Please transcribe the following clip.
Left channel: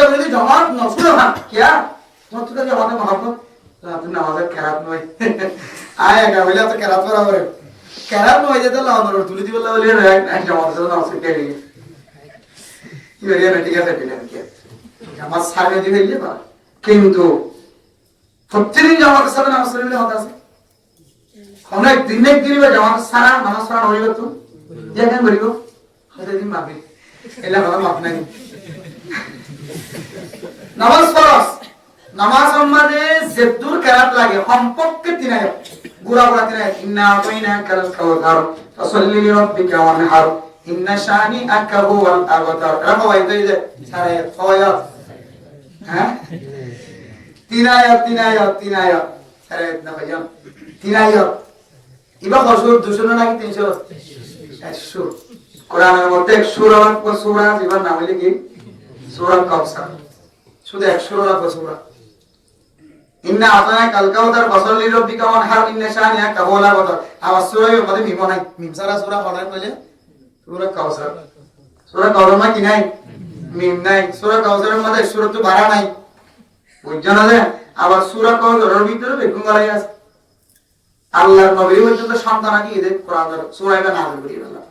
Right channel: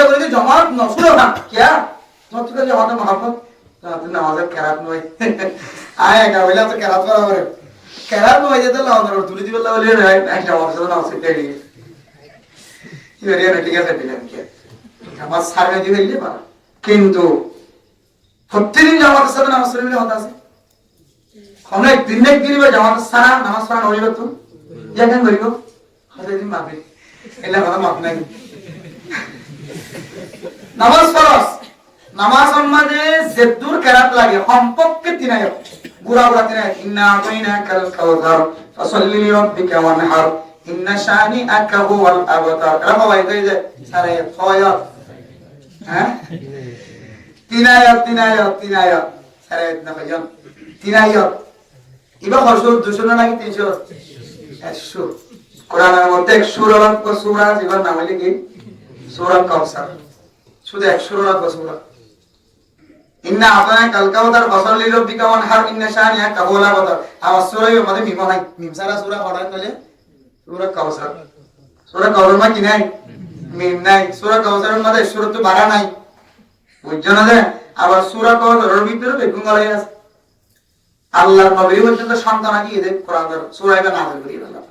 চিন্তা করে জমাত নসুলো না কিয়া তোমার তো জমাতে মহাব্বত তুই নামাজের কেরাত নয় আয় একা বলে তো কেরাত বরাবর কেরাত নয় যেতে লাউনার তুলি দিবল বলে একটা অবস্থা নাও সেটা দিয়ে কি হরিয়া ঠিক আছে ঠিক আছে আমার সারে দিয়ে হইলে বা কিন্তু প্রত্যেকদিন জামাতের সাথে নামাজ পড়লে হতা আছে অনেক দিনে দিবা জামাতের সারা নামাজ পড়া হইবে তো যেখানে বলিব হতে দিন মাফি এলা কথা মাফ নাই নামাজ ফরজ নামাজ সম্মানে যেদুর কেরাত লাগে সম্পর্কে তিনায় গুরা গুরা তিনায় ইন্না বাইনা কাল কাউসার ফাসাল্লি লিরাব্বিকা ওয়ানহার ইন্না শানিআকা হুয়াল আবতার রাখো ভাই তো এই যে সারা খয়াত হ্যাঁ তিনায় সারা না ভাইজান তিনায় ইবা হসুর 200 নাকি 300 100 কোরআনের মধ্যে 100 রাত সূরা জীবন নাম হইলে কি সূরা কাউসার শুধু 100 রাত সূরা ইন্না আতানা কাল কাউসার ফাসাল্লি লিরাব্বিকা ওয়ানহার ইন্না শানিআকা হুয়াল আবতার আমার সূরার মধ্যে মিম নাই মিম সারা সূরা পড়ায় কইলে সূরা কাউসার মা কি নাই মিম নাই সূরা কাউসারের মধ্যে সূরাত বারা নাই বুঝছো না যে আবার সূরা কাউসারের ভিতরে বেগুঙ্গালাই আছে আল্লাহর নবী পর্যন্ত সন্তান কি এদের কোরআনের সূরা এটা নাযিল করিয়ে আল্লাহ